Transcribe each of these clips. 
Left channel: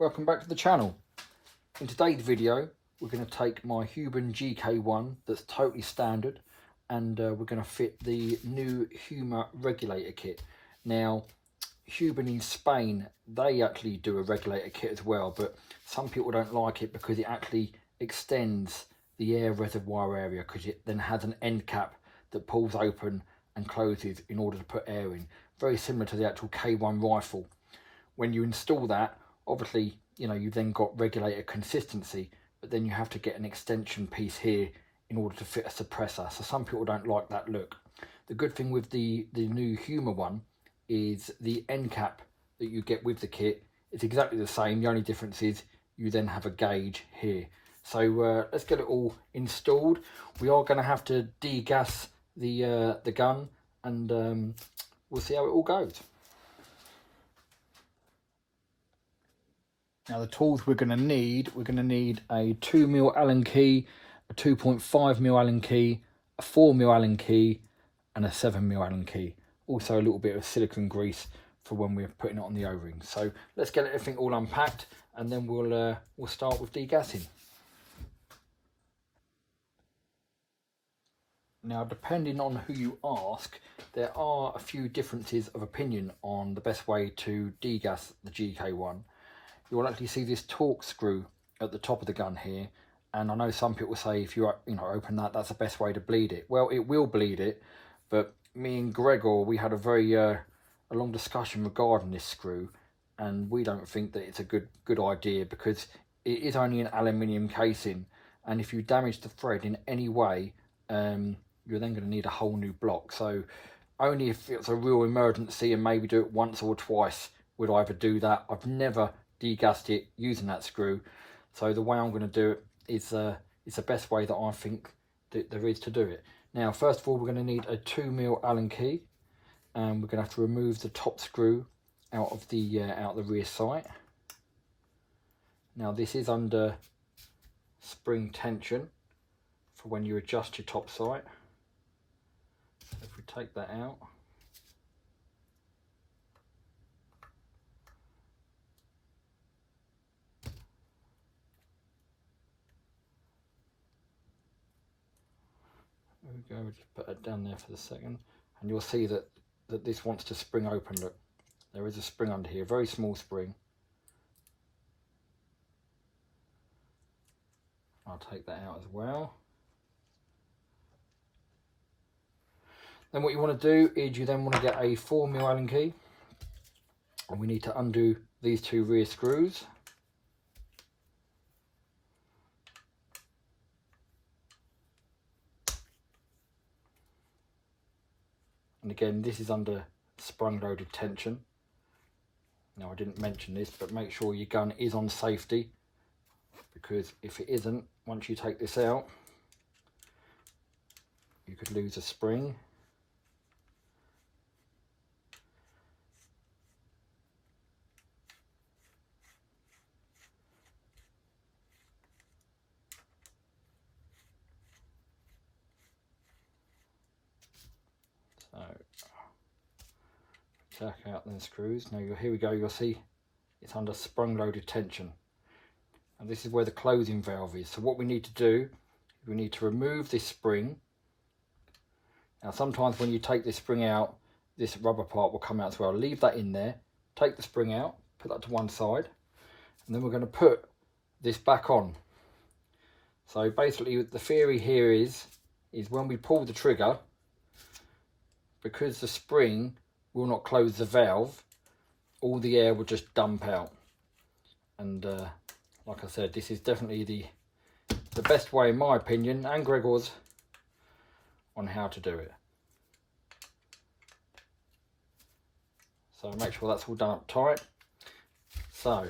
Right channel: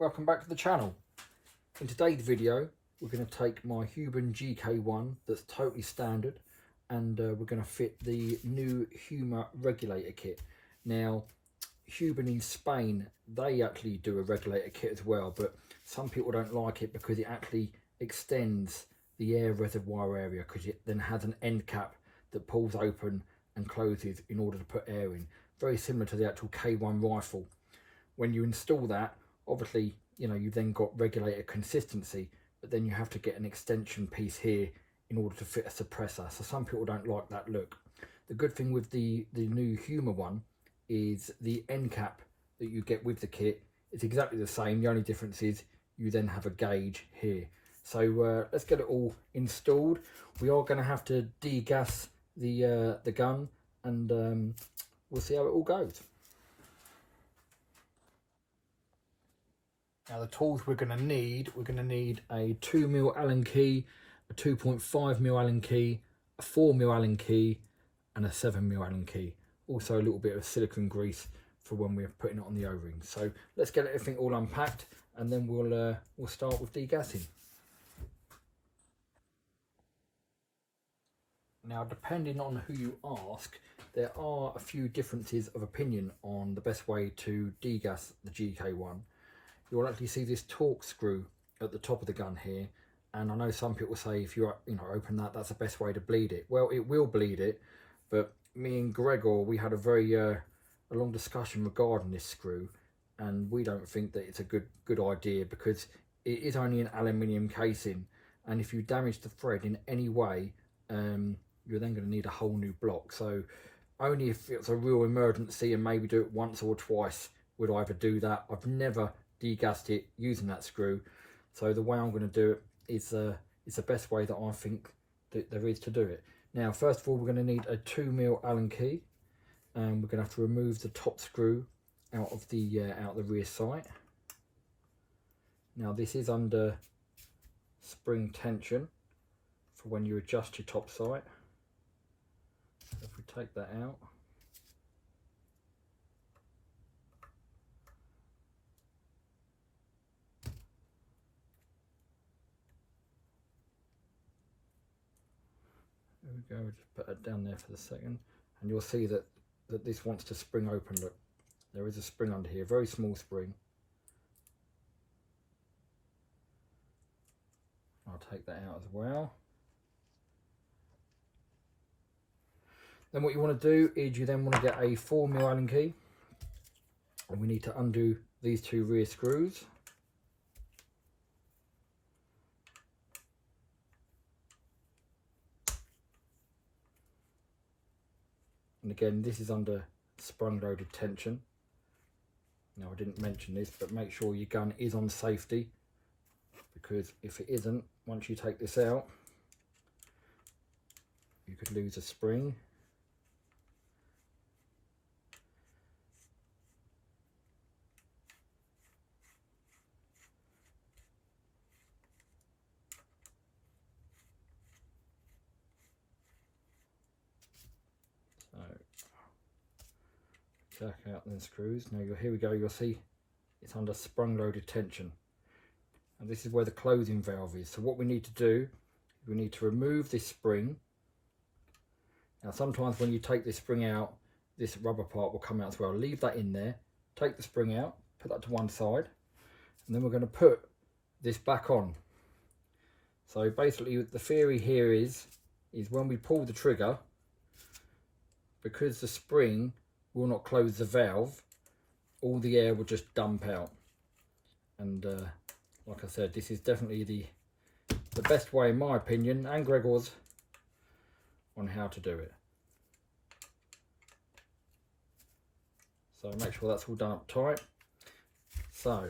Welcome back to the channel. In today's video we're going to take my Huben GK1 that's totally standard and we're going to fit the new Huma regulator kit. Now Huben in Spain, they actually do a regulator kit as well, but some people don't like it because it actually extends the air reservoir area, because it then has an end cap that pulls open and closes in order to put air in, very similar to the actual K1 rifle. When you install that, obviously, you know, you then got regulator consistency, but then you have to get an extension piece here in order to fit a suppressor. So some people don't like that look. The good thing with the new Huma one is the end cap that you get with the kit is exactly the same. The only difference is you then have a gauge here. So let's get it all installed. We are going to have to degas the gun, and we'll see how it all goes. Now the tools we're going to need a 2mm Allen key, a 2.5mm Allen key, a 4mm Allen key and a 7mm Allen key. Also a little bit of silicone grease for when we're putting it on the O-ring. So let's get everything all unpacked and then we'll start with degassing. Now, depending on who you ask, there are a few differences of opinion on the best way to degas the GK1. You'll actually see this torque screw at the top of the gun here, and I know some people say if you open that, that's the best way to bleed it. Well, it will bleed it, but me and Gregor, we had a very a long discussion regarding this screw, and we don't think that it's a good idea, because it is only an aluminium casing, and if you damage the thread in any way, you're then going to need a whole new block. So only if it's a real emergency and maybe do it once or twice would I ever do that. I've never degassed it using that screw, so the way I'm going to do it is it's the best way that I think that there is to do it. Now, first of all, we're going to need a 2mm Allen key, and we're going to have to remove the top screw out of the rear sight. Now this is under spring tension for when you adjust your top sight. So if we take that out, there we go. Just put that down there for the second, and you'll see that this wants to spring open. Look, there is a spring under here, very small spring. I'll take that out as well. Then what you want to do is you then want to get a 4mm Allen key, and we need to undo these two rear screws. And again, this is under sprung loaded tension. Now I didn't mention this, but make sure your gun is on safety, because if it isn't, once you take this out, you could lose a spring. So check out the screws. Now here we go, you'll see it's under sprung loaded tension, and this is where the closing valve is. So what we need to do, we need to remove this spring. Now sometimes when you take this spring out, this rubber part will come out as well. Leave that in there, take the spring out, put that to one side, and then we're going to put this back on. So basically the theory here is when we pull the trigger, because the spring will not close the valve, all the air will just dump out. And like I said, this is definitely the best way, in my opinion, and Gregor's, on how to do it. So make sure that's all done up tight. So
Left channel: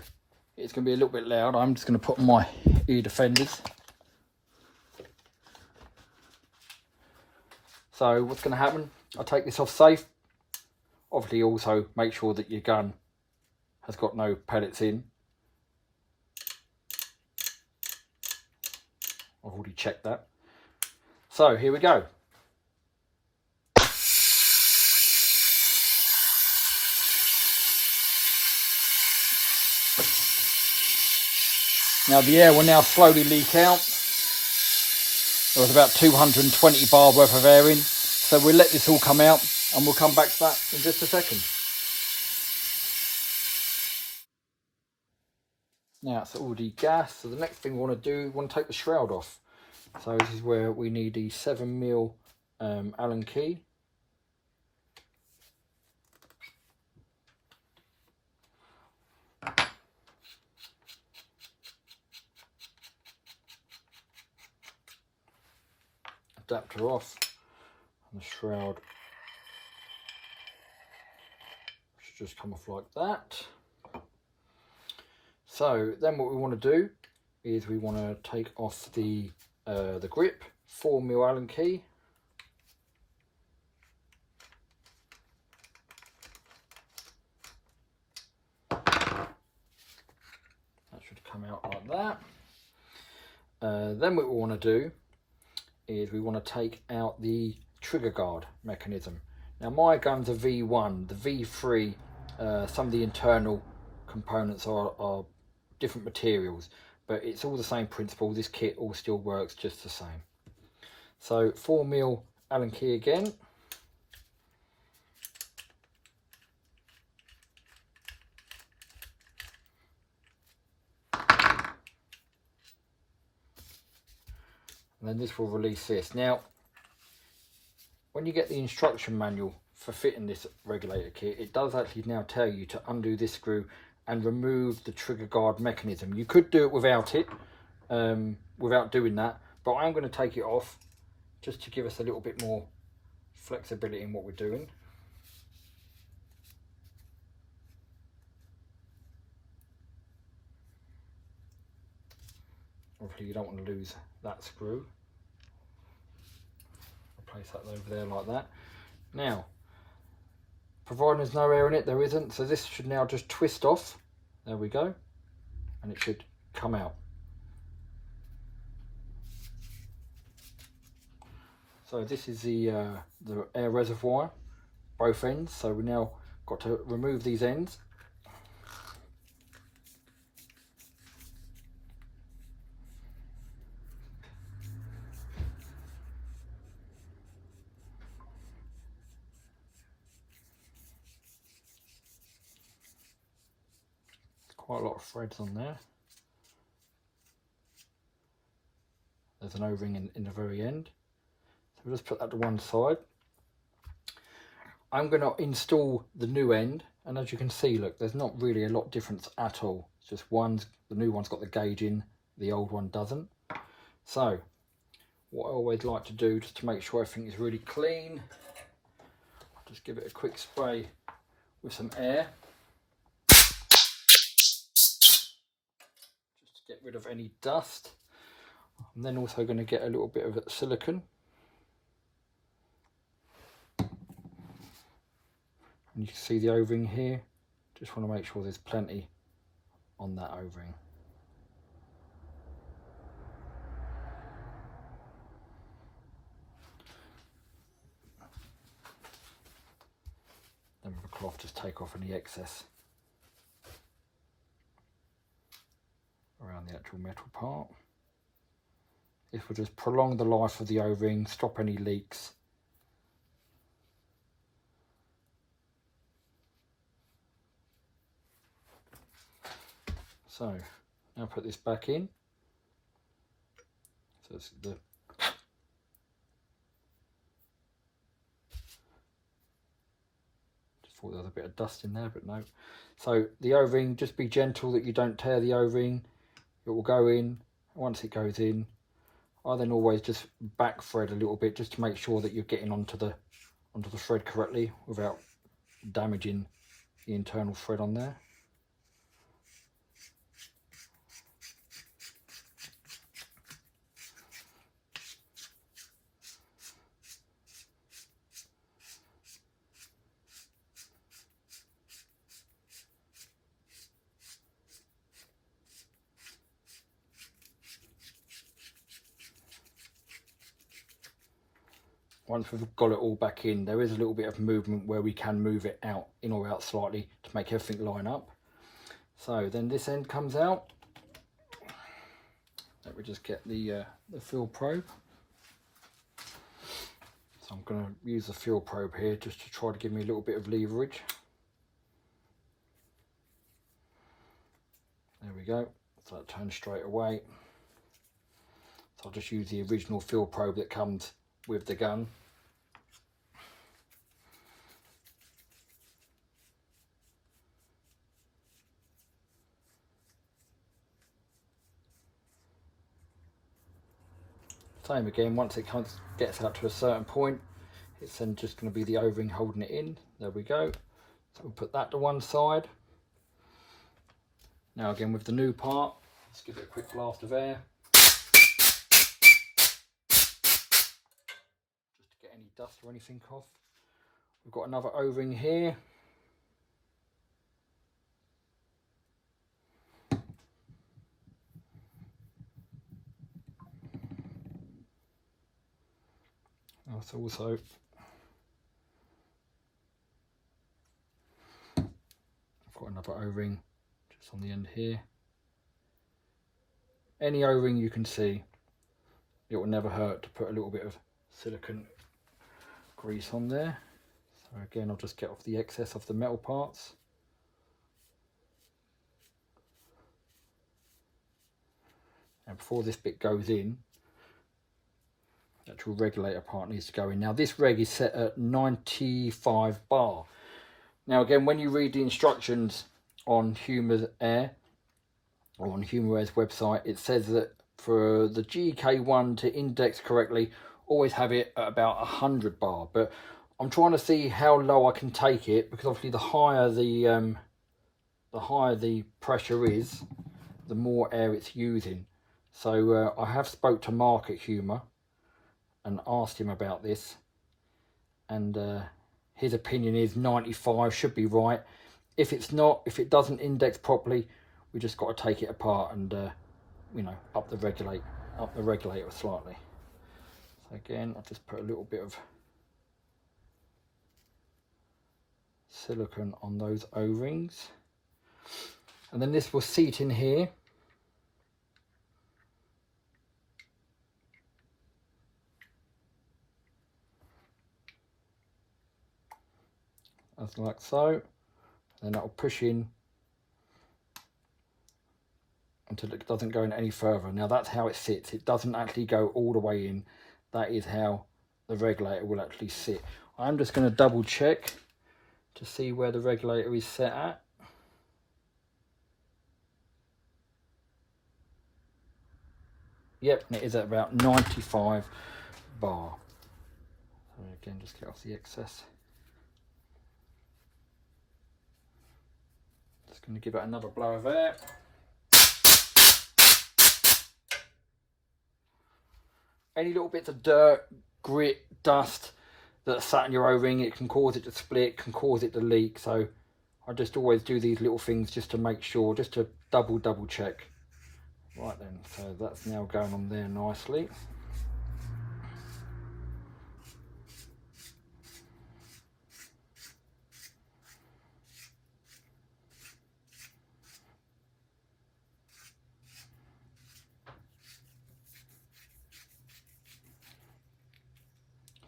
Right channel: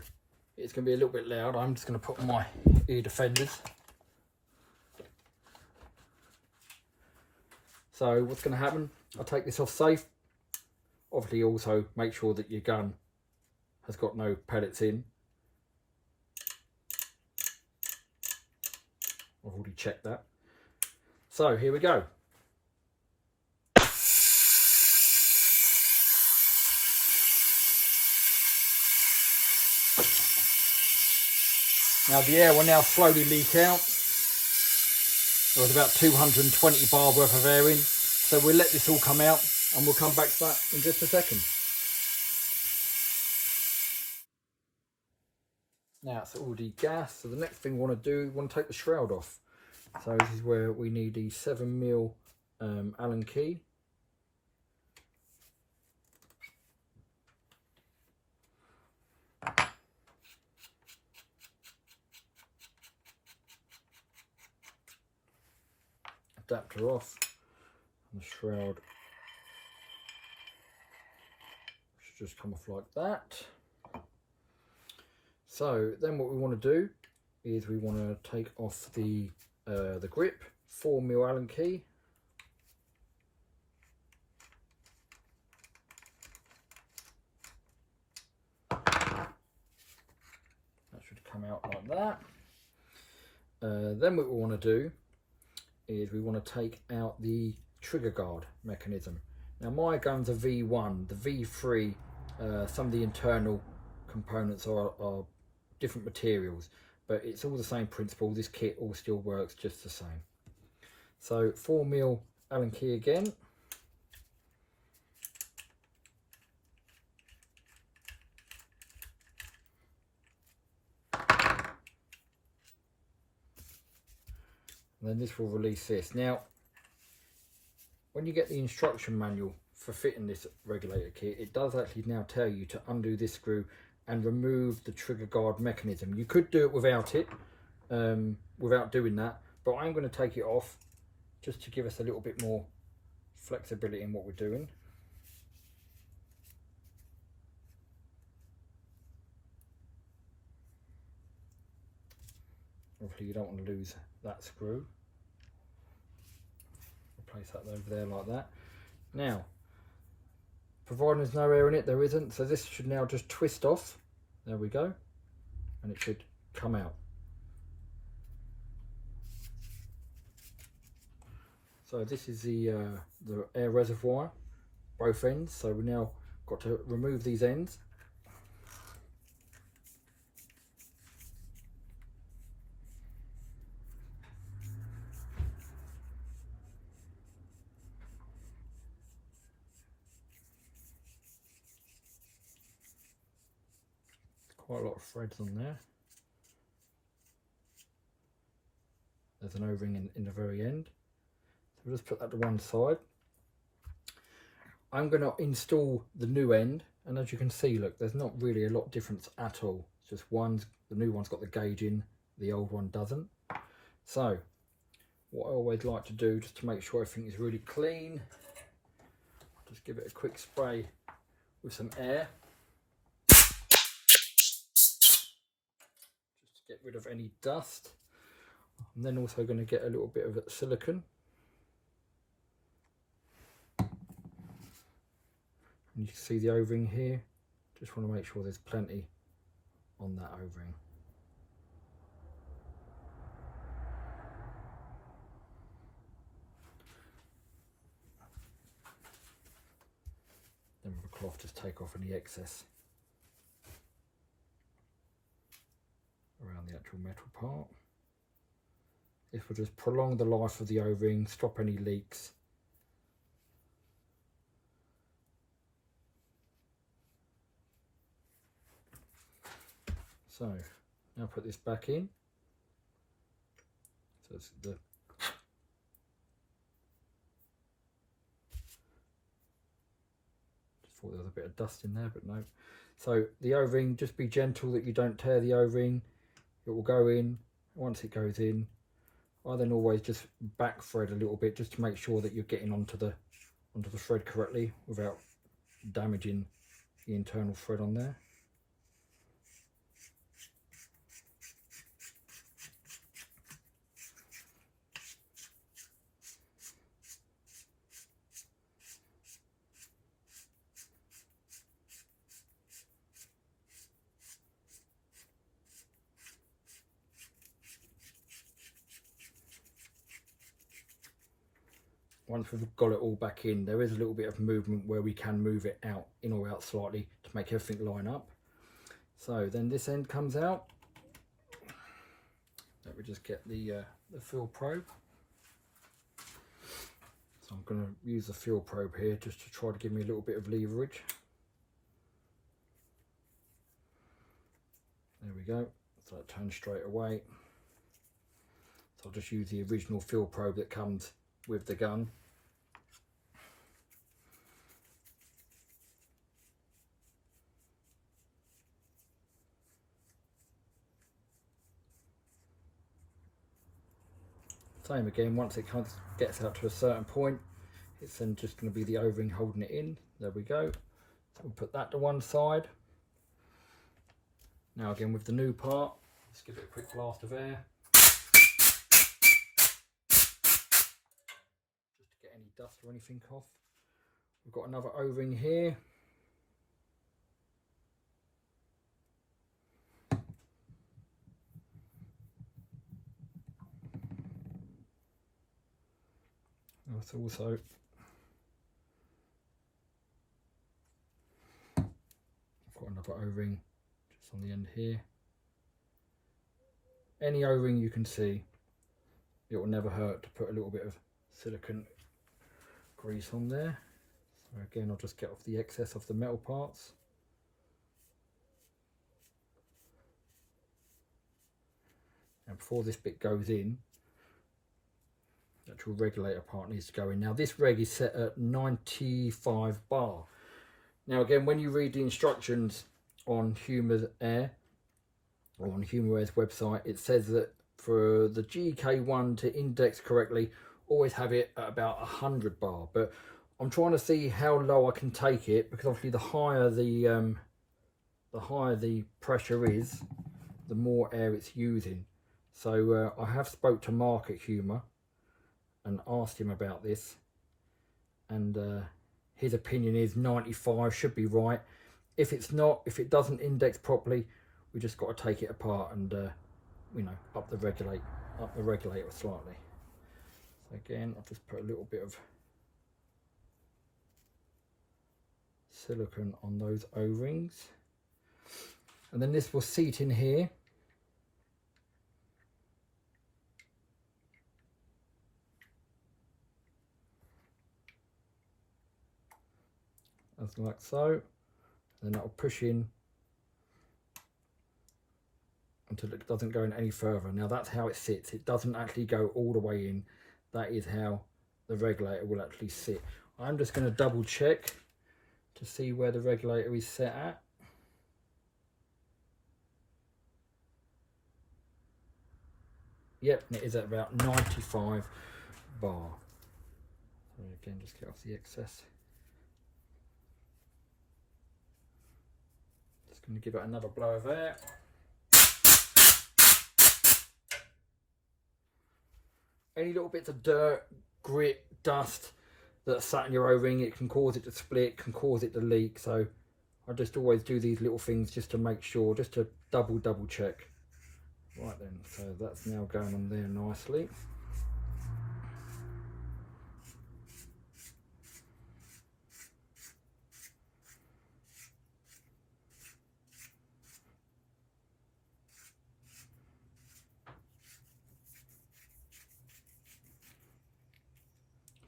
it's going to be a little bit loud. I'm just going to put on my ear defenders. So what's going to happen, I'll take this off safe. Obviously also make sure that your gun has got no pellets in. I've already checked that. So here we go. Now the air will now slowly leak out. There was about 220 bar worth of air in. So we'll let this all come out and we'll come back to that in just a second. Now it's all degassed. So the next thing we want to do, we want to take the shroud off. So this is where we need the 7mm Allen key. Adapter off, and the shroud should just come off like that. So then what we want to do is we want to take off the grip, 4mm Allen key. That should come out like that. Then what we want to do is we want to take out the trigger guard mechanism. Now my gun's a V1, the V3, some of the internal components are different materials, but it's all the same principle. This kit all still works just the same. So 4mm Allen key again. And then this will release this. Now, when you get the instruction manual for fitting this regulator kit, it does actually now tell you to undo this screw and remove the trigger guard mechanism. You could do it without it, without doing that, but I'm going to take it off just to give us a little bit more flexibility in what we're doing. Obviously you don't want to lose that screw. I'll place that over there like that. Now, providing there's no air in it, there isn't, so this should now just twist off. There we go, and it should come out. So this is the air reservoir, both ends. So we now got to remove these ends. Quite a lot of threads on there. There's an O-ring in the very end. So we'll just put that to one side. I'm going to install the new end, and as you can see, look, there's not really a lot of difference at all. It's just the new one's got the gauge in, the old one doesn't. So what I always like to do, just to make sure everything is really clean, I'll just give it a quick spray with some air. Get rid of any dust. I'm then also going to get a little bit of silicone. And you can see the O-ring here. Just want to make sure there's plenty on that O-ring. Then with a cloth, just take off any excess around the actual metal part. This will just prolong the life of the O-ring, stop any leaks. So now put this back in. So it's the just thought there was a bit of dust in there, but no. So the O-ring, just be gentle that you don't tear the O-ring. It will go in. Once it goes in, I then always just back thread a little bit just to make sure that you're getting onto the thread correctly without damaging the internal thread on there. Once we've got it all back in, there is a little bit of movement where we can move it out, in or out slightly to make everything line up. So then this end comes out. Let me just get the fuel probe. So I'm going to use the fuel probe here just to try to give me a little bit of leverage. There we go. So that turns straight away. So I'll just use the original fuel probe that comes with the gun. Same again, once it gets out to a certain point, it's then just going to be the O-ring holding it in. There we go. So we'll put that to one side. Now again with the new part, let's give it a quick blast of air. Just to get any dust or anything off. We've got another O-ring here. That's also I've got another O-ring just on the end here. Any O-ring you can see, it will never hurt to put a little bit of silicone grease on there. So again, I'll just get off the excess of the metal parts. And before this bit goes in, the actual regulator part needs to go in. Now this reg is set at 95 bar. Now again, when you read the instructions on Huma-Air, or on Huma-Air's website, it says that for the GK1 to index correctly, always have it at about 100 bar. But I'm trying to see how low I can take it, because obviously the higher the pressure is, the more air it's using. So I have spoke to Mark at Huma and asked him about this, and his opinion is 95 should be right. If it's not, if it doesn't index properly, we just got to take it apart and you know, up the regulator slightly. So again, I'll just put a little bit of silicone on those O-rings, and then this will seat in here. As like so, and that will push in until it doesn't go in any further. Now that's how it sits. It doesn't actually go all the way in. That is how the regulator will actually sit. I'm just going to double check to see where the regulator is set at. Yep, and it is at about 95 bar. So again, just get off the excess. Just going to give it another blow of air. Any little bits of dirt, grit, dust that's sat in your O-ring, it can cause it to split, can cause it to leak. So I just always do these little things just to make sure, just to double check. Right then, so that's now going on there nicely.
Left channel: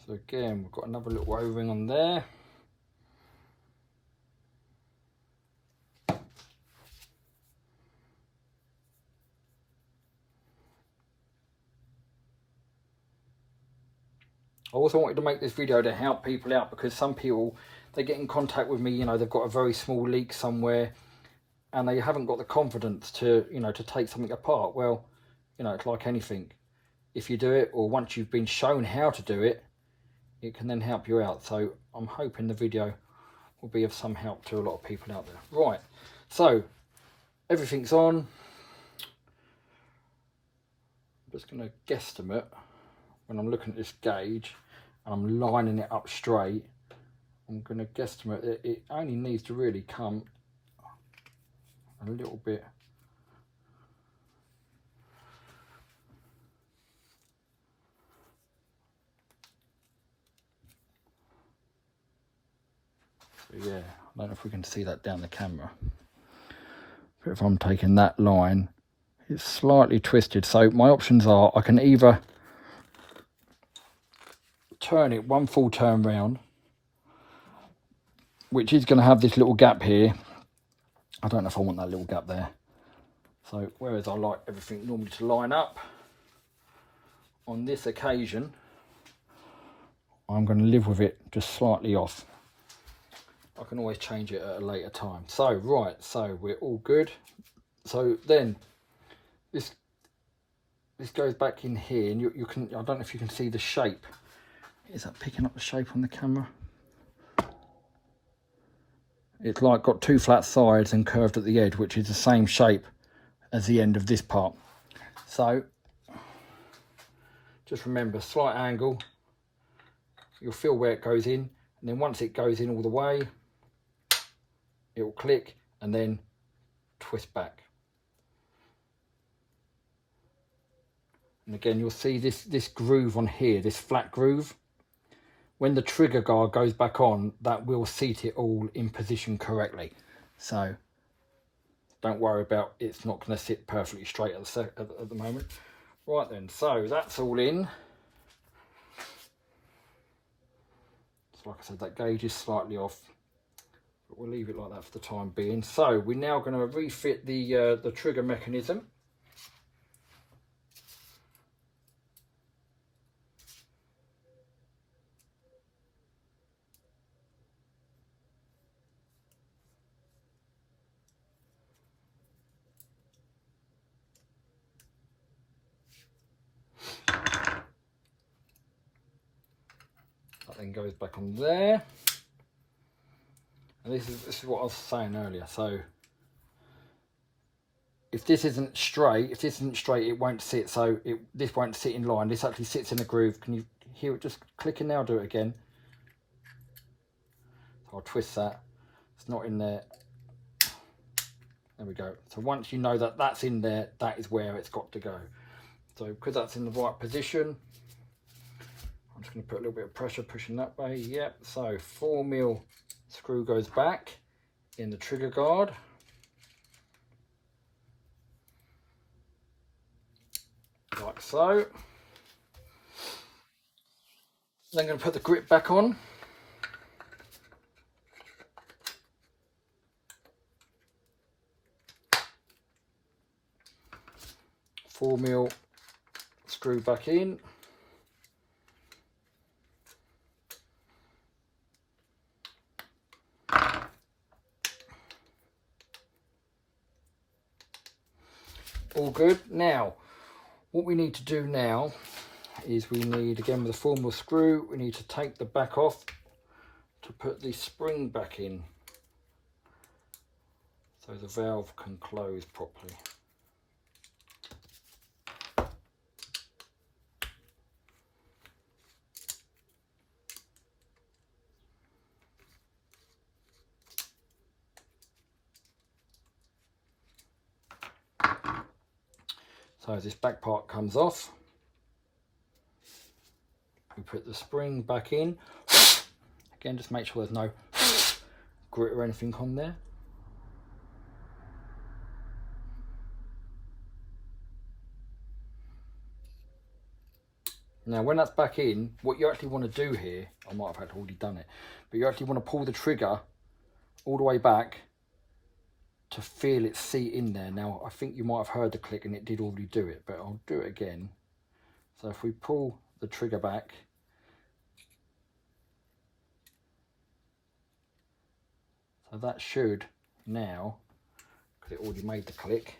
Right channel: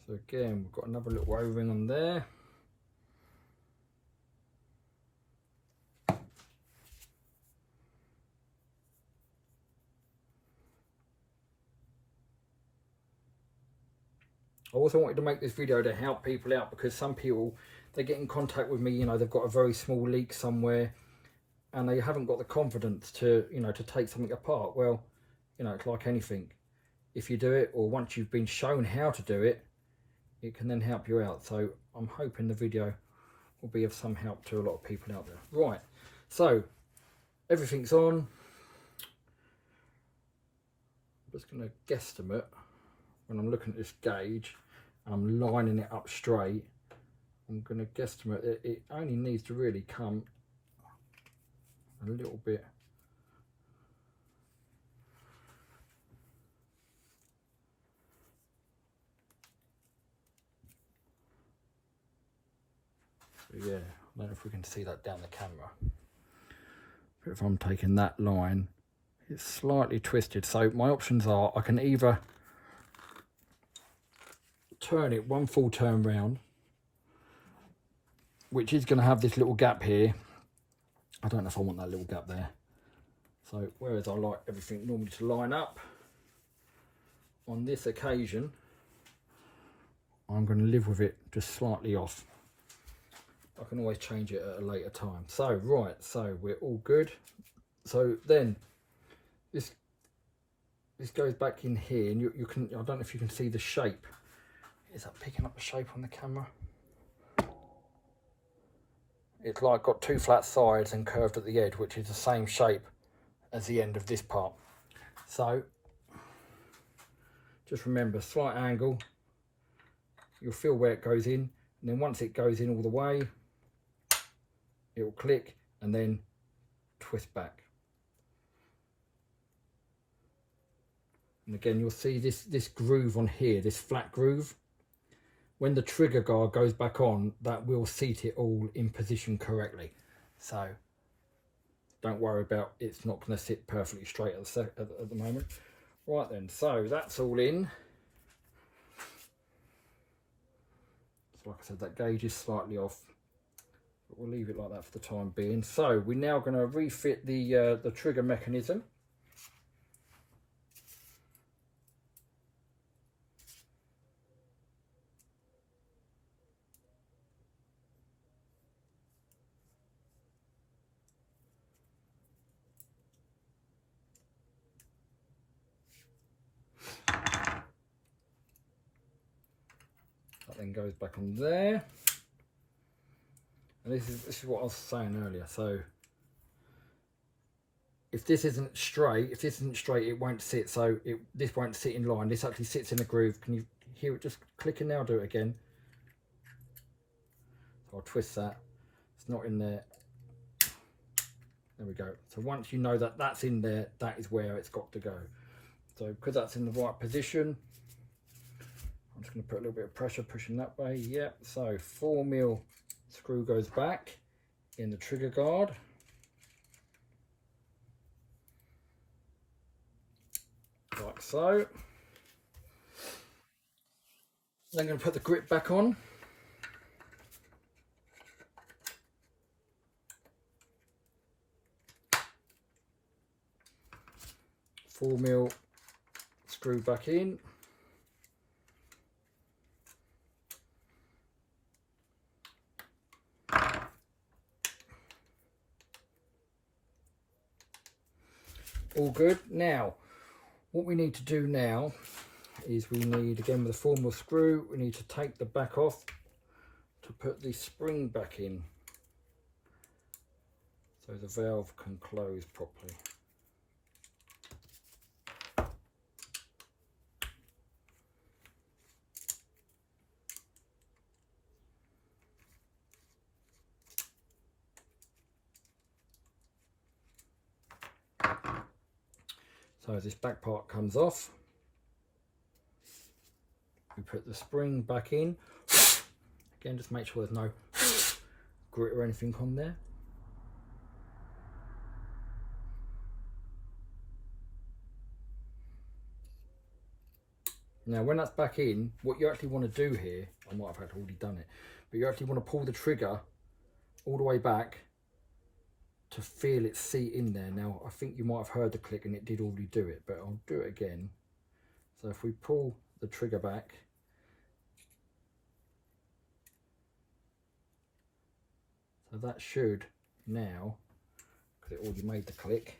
So again, we've got another little O-ring on there. I also wanted to make this video to help people out, because some people, they get in contact with me, you know, they've got a very small leak somewhere and they haven't got the confidence to, you know, to take something apart. Well, you know, it's like anything. If you do it, or once you've been shown how to do it, it can then help you out. So I'm hoping the video will be of some help to a lot of people out there. Right, so everything's on. I'm just going to guesstimate when I'm looking at this gauge and I'm lining it up straight. I'm going to guesstimate that it only needs to really come a little bit yeah, I don't know if we can see that down the camera, but if I'm taking that line, it's slightly twisted. So my options are, I can either turn it one full turn round, which is going to have this little gap here. I don't know if I want that little gap there. So whereas I like everything normally to line up, on this occasion I'm going to live with it just slightly off. I can always change it at a later time. So right, so we're all good. So then this goes back in here, and you can, I don't know if you can see the shape. Is that picking up the shape on the camera? It's like got two flat sides and curved at the edge, which is the same shape as the end of this part. So just remember, slight angle, you'll feel where it goes in, and then once it goes in all the way, it will click and then twist back. And again, you'll see this groove on here, this flat groove. When the trigger guard goes back on, that will seat it all in position correctly. So don't worry about it's not going to sit perfectly straight at the moment. Right then, so that's all in. So like I said, that gauge is slightly off, but we'll leave it like that for the time being. So we're now going to refit the trigger mechanism. That then goes back on there. And this is what I was saying earlier. So if this isn't straight, it won't sit. So this won't sit in line. This actually sits in a groove. Can you hear it just clicking now? Do it again. So I'll twist that. It's not in there. There we go. So once you know that that's in there, that is where it's got to go. So because that's in the right position, I'm just going to put a little bit of pressure pushing that way. Yep. So 4mm screw goes back in the trigger guard. Like so. Then I'm going to put the grip back on. Four mil screw back in. All good. Now, what we need to do now is we need, again with a 4mm screw, we need to take the back off to put the spring back in so the valve can close properly. So as this back part comes off, we put the spring back in. Again, just make sure there's no grit or anything on there. Now when that's back in, what you actually want to do here, I might have already done it, but you actually want to pull the trigger all the way back to feel it seat in there. Now I think you might have heard the click and it did already do it, but I'll do it again. So if we pull the trigger back, so that should now, because it already made the click,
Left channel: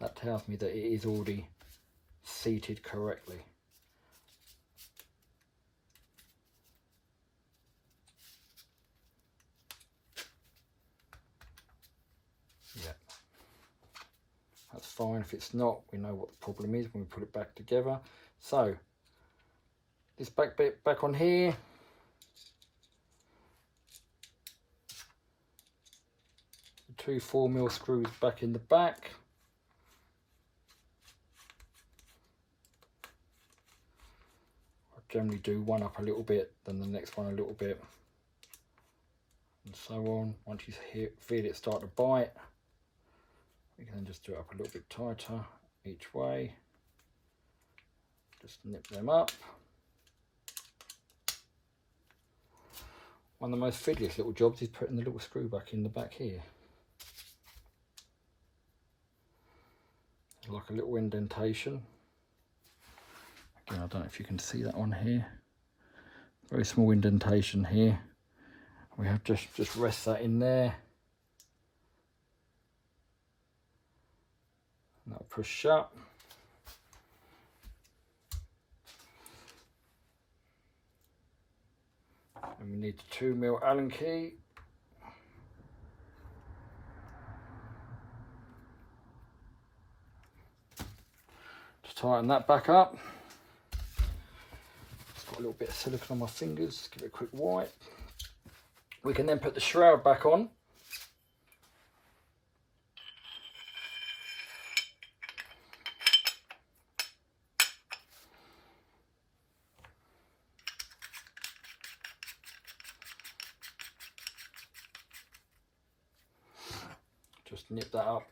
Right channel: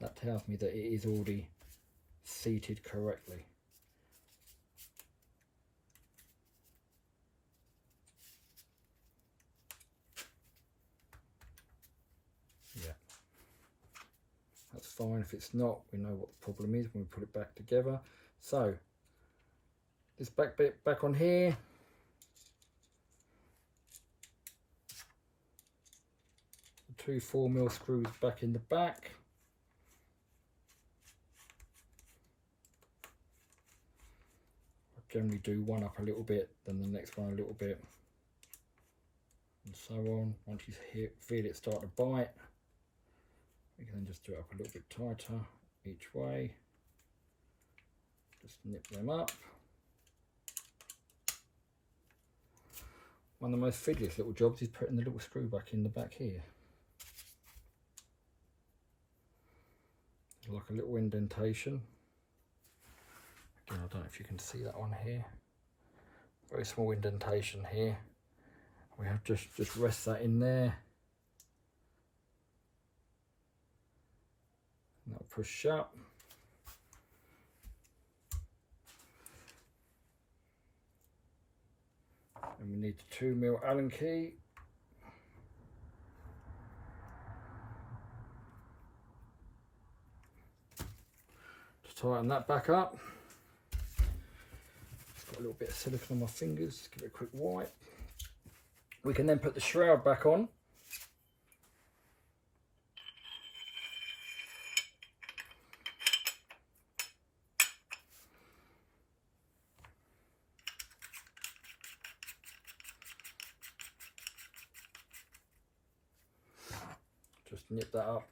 that tells me that it is already seated correctly. Yeah, that's fine. If it's not, we know what the problem is when we put it back together. So this back bit back on here, the two 4mm screws back in the back. Generally do one up a little bit, then the next one a little bit, and so on. Once you feel it start to bite, You can then just do it up a little bit tighter each way. Just nip them up. One of the most fiddliest little jobs is putting the little screw back in the back here. Like a little indentation. Again, I don't know if you can see that on here. Very small indentation here. We have just rest that in there. And that'll push shut. And we need the 2mm Allen key. To tighten that back up. Just got a little bit of silicone on my fingers, just give it a quick wipe. We can then put the shroud back on. Just nip that up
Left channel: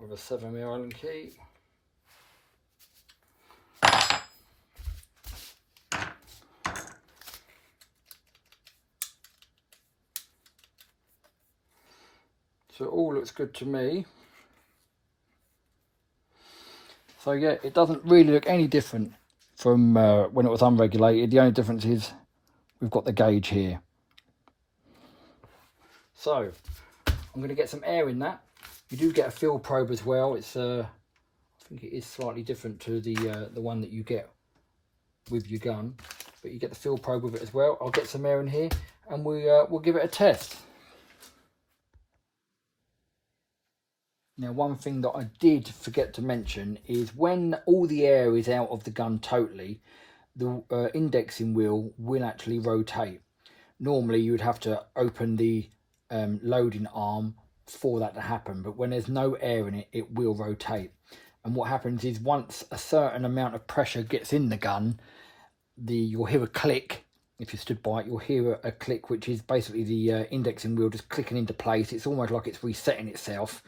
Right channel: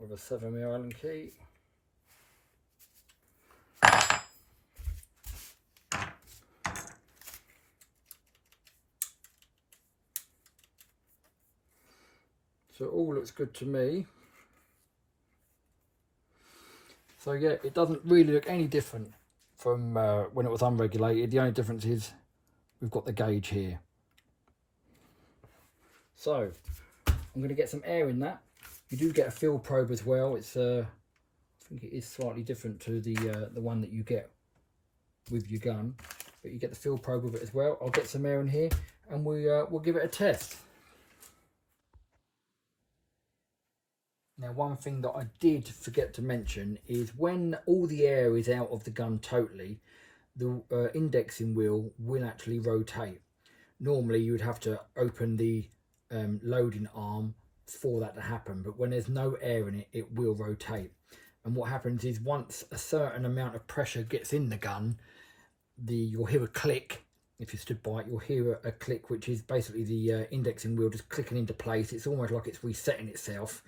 with a 7mm Allen key. So it all looks good to me. So yeah, it doesn't really look any different from when it was unregulated. The only difference is we've got the gauge here. So I'm going to get some air in that. You do get a field probe as well. It's I think it is slightly different to the one that you get with your gun, but you get the field probe with it as well. I'll get some air in here and we'll give it a test. Now, one thing that I did forget to mention is when all the air is out of the gun totally, the indexing wheel will actually rotate. Normally you would have to open the loading arm for that to happen, but when there's no air in it, it will rotate. And what happens is once a certain amount of pressure gets in the gun, you'll hear a click. If you stood by it, you'll hear a click, which is basically the indexing wheel just clicking into place. It's almost like it's resetting itself.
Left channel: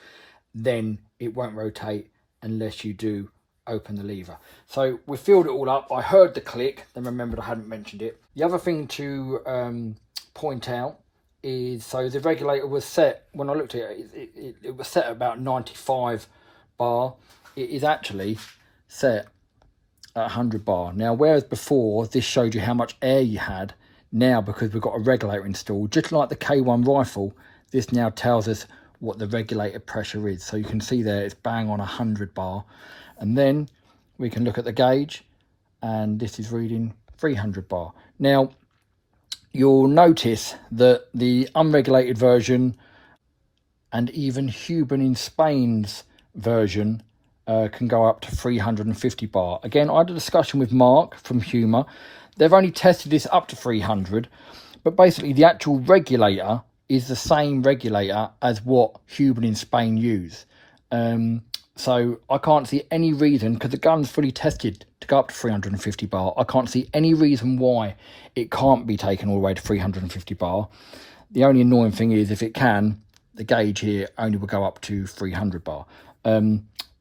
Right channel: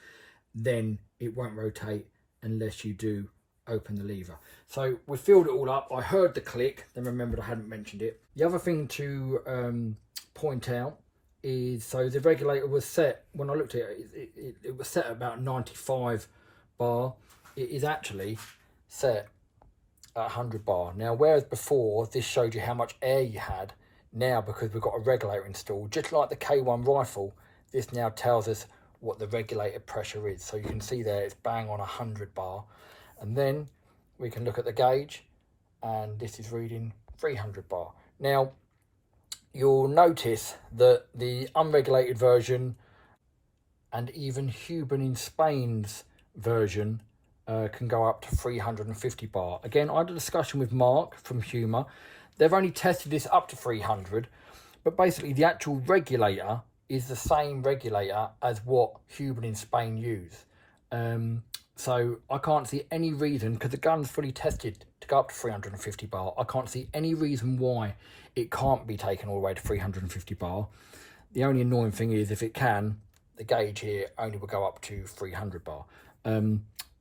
Then it won't rotate unless you do open the lever. So we filled it all up. I heard the click, then remembered I hadn't mentioned it. The other thing to point out is, so the regulator was set, when I looked at it, it was set at about 95 bar. It is actually set at 100 bar. Now, whereas before this showed you how much air you had, now because we've got a regulator installed, just like the K1 rifle, this now tells us what the regulator pressure is. So you can see there it's bang on 100 bar, and then we can look at the gauge and this is reading 300 bar. Now you'll notice that the unregulated version and even Huben in Spain's version can go up to 350 bar. Again, I had a discussion with Mark from Huma. They've only tested this up to 300, but basically the actual regulator is the same regulator as what Huben in Spain use. So I can't see any reason, because the gun's fully tested to go up to 350 bar, I can't see any reason why it can't be taken all the way to 350 bar. The only annoying thing is, if it can, the gauge here only will go up to 300 bar.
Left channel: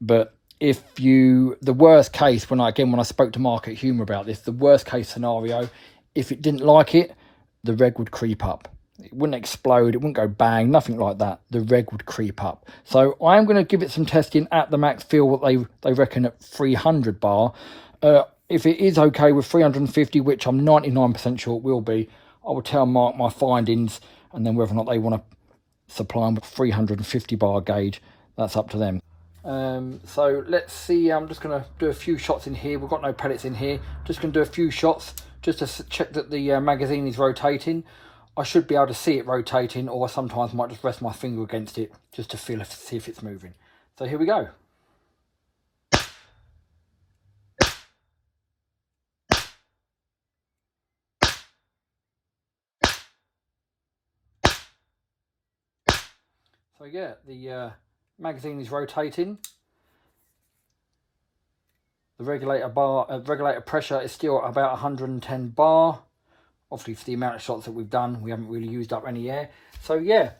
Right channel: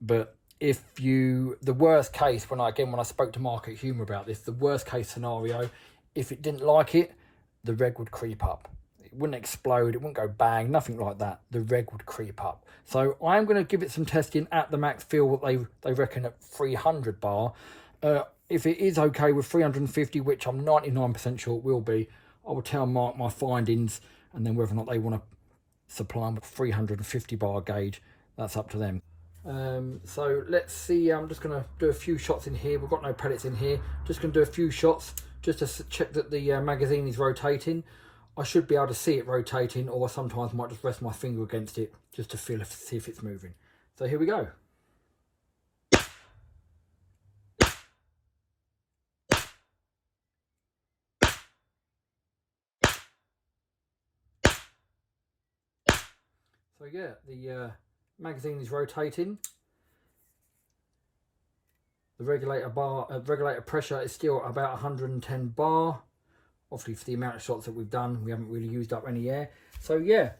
But if you, the worst case, when I spoke to Mark at Huma about this, the worst case scenario, if it didn't like it, the reg would creep up. It wouldn't explode, it wouldn't go bang, nothing like that. The reg would creep up. So I am going to give it some testing at the max feel what they reckon at 300 bar. If it is okay with 350, which I'm 99% sure it will be, I will tell Mark my findings, and then whether or not they want to supply them with 350 bar gauge, that's up to them. So let's see, I'm just going to do a few shots in here. We've got no pellets in here. Just going to do a few shots just to check that the magazine is rotating. I should be able to see it rotating, or sometimes might just rest my finger against it just to feel see if it's moving. So here we go. So yeah, the magazine is rotating. The regulator pressure is still about 110 bar. Obviously, for the amount of shots that we've done, we haven't really used up any air. So yeah,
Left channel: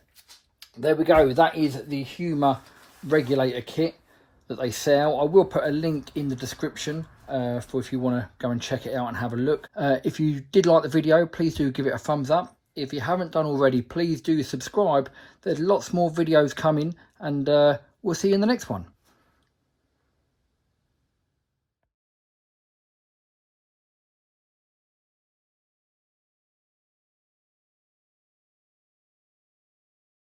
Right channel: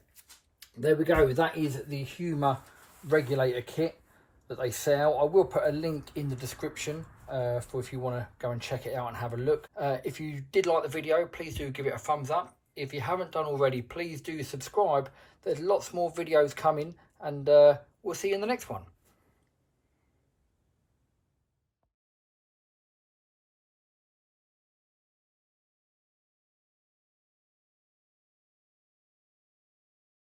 there we go. That is the Huma regulator kit that they sell. I will put a link in the description for if you want to go and check it out and have a look. If you did like the video, please do give it a thumbs up. If you haven't done already, please do subscribe. There's lots more videos coming, and we'll see you in the next one.